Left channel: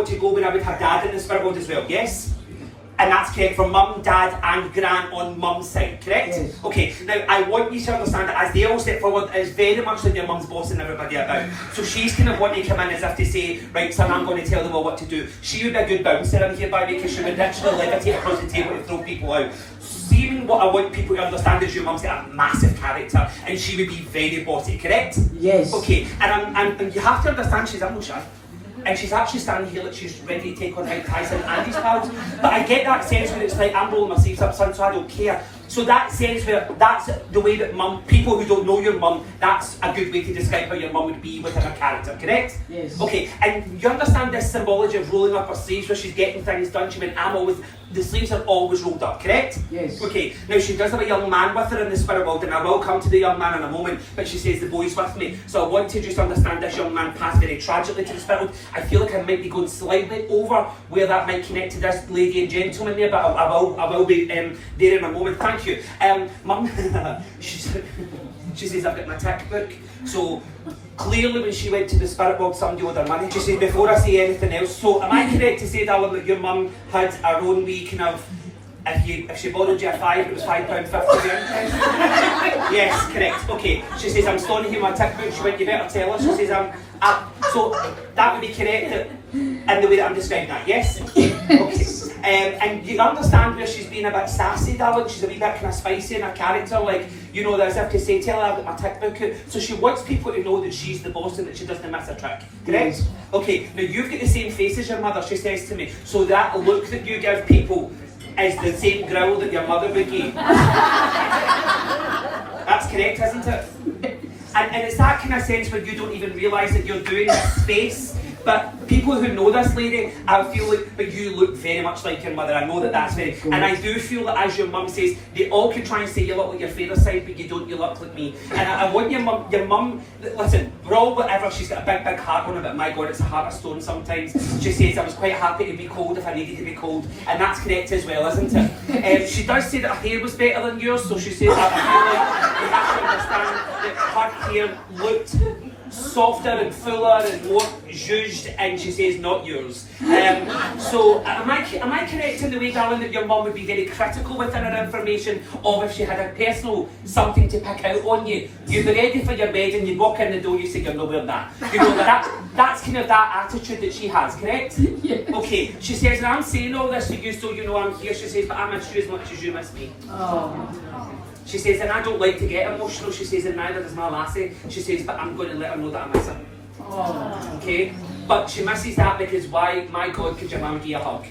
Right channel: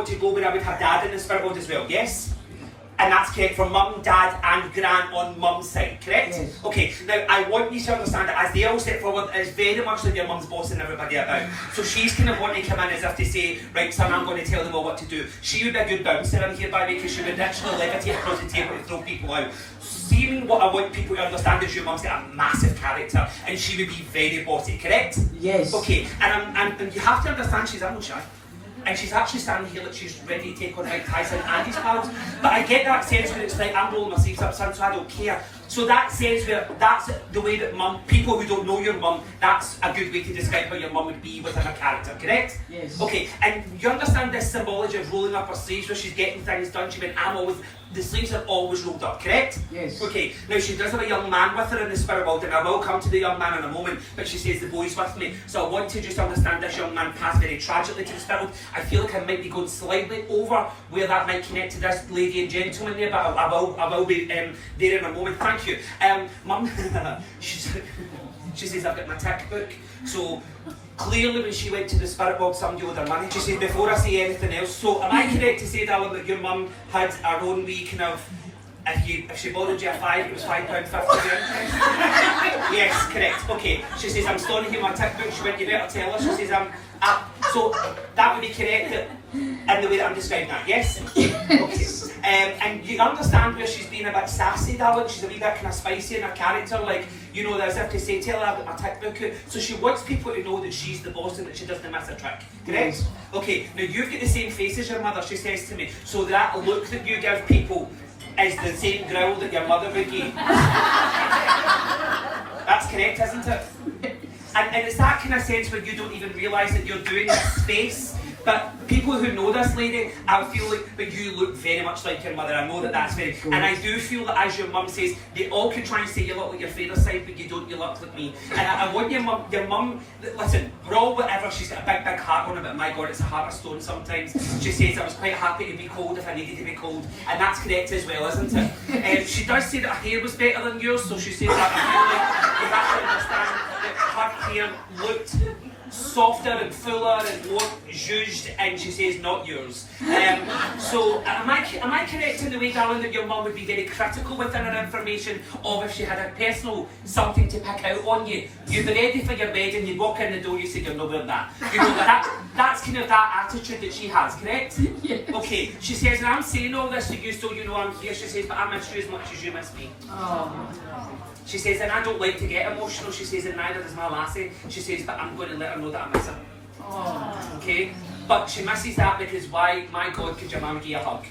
To go where I would have dad in the spirit world as well, yes? And that's correct for mum, dad and gran on mum's side, correct? Yes. Okay, now I want you to understand that as they all step forward, it's very much like your mum's bossing everybody about. So she's kind of wanting to come in as if to say, right son, I'm going to tell them all what to do. She would be a good bouncer in here by the way, because she would literally levitate across the table and throw people out. Seeing what I want people to understand is your mum's got a massive character and she would be very bossy, correct? Yes. Okay, and you have to understand she's a shy. And she's actually standing here like she's ready to take on Mike Tyson and Andy's pals. But I get that sense where it's like, I'm rolling my sleeves up, son, so I don't care. So that sense where that's the way that mum, people who don't know your mum, that's a good way to describe how your mum would be within her character, correct? Yes. Okay, and you understand this symbology of rolling up her sleeves where she's getting things done. She went, the sleeves are always rolled up, correct? Yes. Okay, now she does have a young man with her in the spirit world, and I will come to the young man in a moment, but she says the boy's with me. So I want to just understand this young man passed very tragically to the spirit world. I feel like I might be going slightly over where that might connect to this lady and gentleman there, but I will be there in a moment. Thank you. Mum, she says I've got my tick book. So clearly when she went to the spirit world, somebody owed her money. She said, before I say anything else, so am I correct to say, darling, that your mum had her own wee kind of, if she borrowed you a five, it was £5.50? Yes, correct. Okay. She says, I'm storing here my tick book. She went, you better tell her. She says, so that would be correct in the way that I'm describing that, yes? Okay. And you understand where she's been a bit sassy, darling. She's a wee bit kind of spicy in her character, like, you know, as if to say, tell her I've got my tick book out. So she wants people to know that she's the boss and that she doesn't miss a trick, correct? Yes. Okay, now you've got the same face as your mother, she says to me. So that look that you give people is the same growl that your mother would give. That's correct, isn't it? And it's that kind of sense where you don't even realise that you're doing this space. But people who know this lady, I feel like that you look very much like your mother. I know that that's it. And I do feel that, as your mum says, they all could try and say you look like your father's side, but you don't, you look like me. And I want your mum, listen, we're all whatever, she's got a big heart on her, but my God, it's a heart of stone sometimes. She says, I was quite happy to be cold if I needed to be cold. And that's correct as well, isn't it? She does say that her hair was better than yours, so she says that I feel like you have to understand that her hair looked softer and fuller and more zhuzhed, and she says not yours. So am I correct in the way, darling, that your mum would be very critical within her information, or if she had a personal something to pick out on you, you'd be ready for your bed and you'd walk in the door, you say you're not wearing that. You know, that's kind of that attitude that she has, correct? Yeah. Okay, she says, and I'm saying all this to you so you know I'm here, she says, but I miss you as much as you miss me. Oh. She says, and I don't like to get emotional. She says, and neither does my lassie. She says, but I'm going to let her know that I miss her. Oh. Okay? But she misses that because why, my God, could your mum give a hug?